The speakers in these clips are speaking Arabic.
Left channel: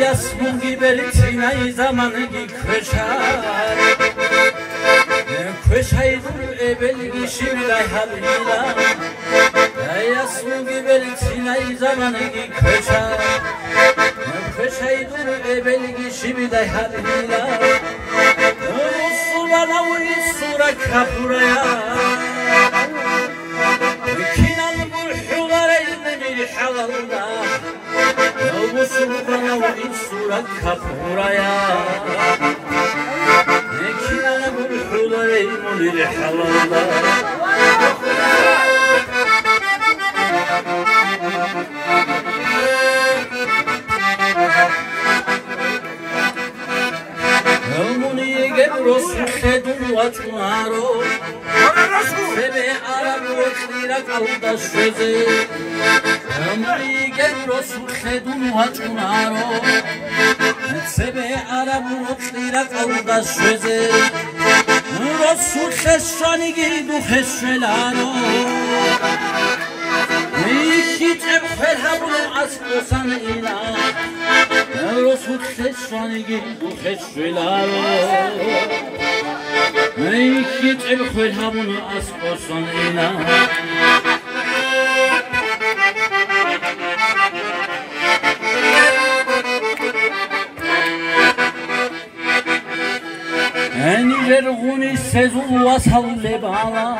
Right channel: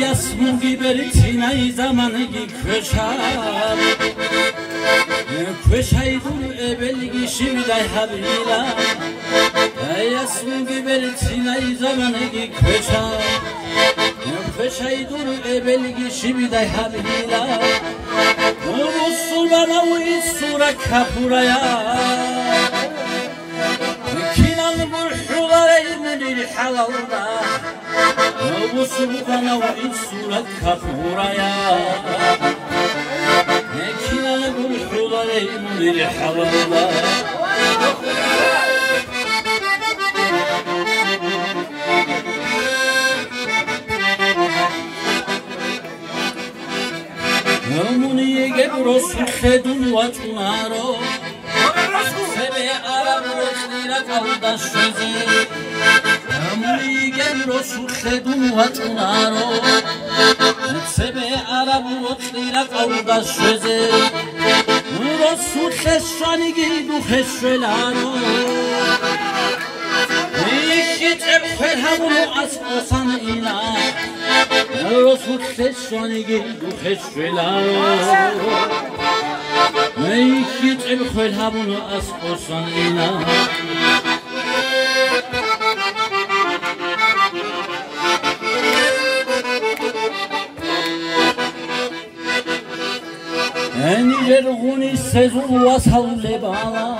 يا اسمي بريتنا زمانك كشار كشايدو ابلغي شبداي حبيلا يا اسمي بريتنا زمانك كشار كشايدو ابلغي شبداي حبيلا رسولنا ويسورا كابورايا كينال برحوغار المنير حلالنا رسولنا ويسورا كابورايا كينال برحوغار المنير حلالنا رسول خدون واتمارو سبه عرب رسلیلا کودش شده امریکن رسول خدون واتمارو سبه عرب رسلیلا کودش شده رسول خشانی گیدو خشلارو یکی تبخل همون از قصان اینا رسول خشانی گیدو خشلارو یکی تبخل همون از قصان اینا انجرغونی سزو واسال لبالا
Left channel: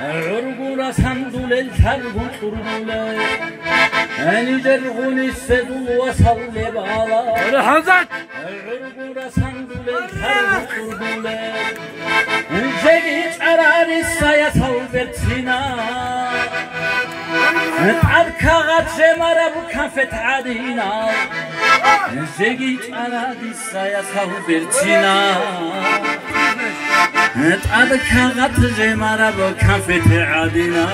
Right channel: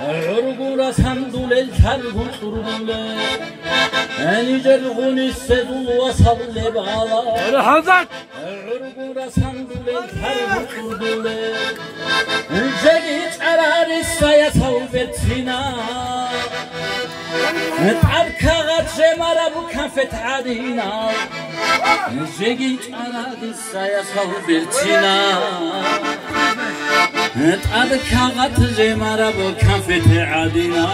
عرقورا سندول الترغو ترغوله انجرغونی سزو واسال لبالا عرقورا سندول الترغو ترغوله جگیت عراری سایتاو برتینا عبکاغت جمارا بو کافت عادینا جگیت عراری سایتاو برتینا عبکاغت جمارا بو کافت عادینا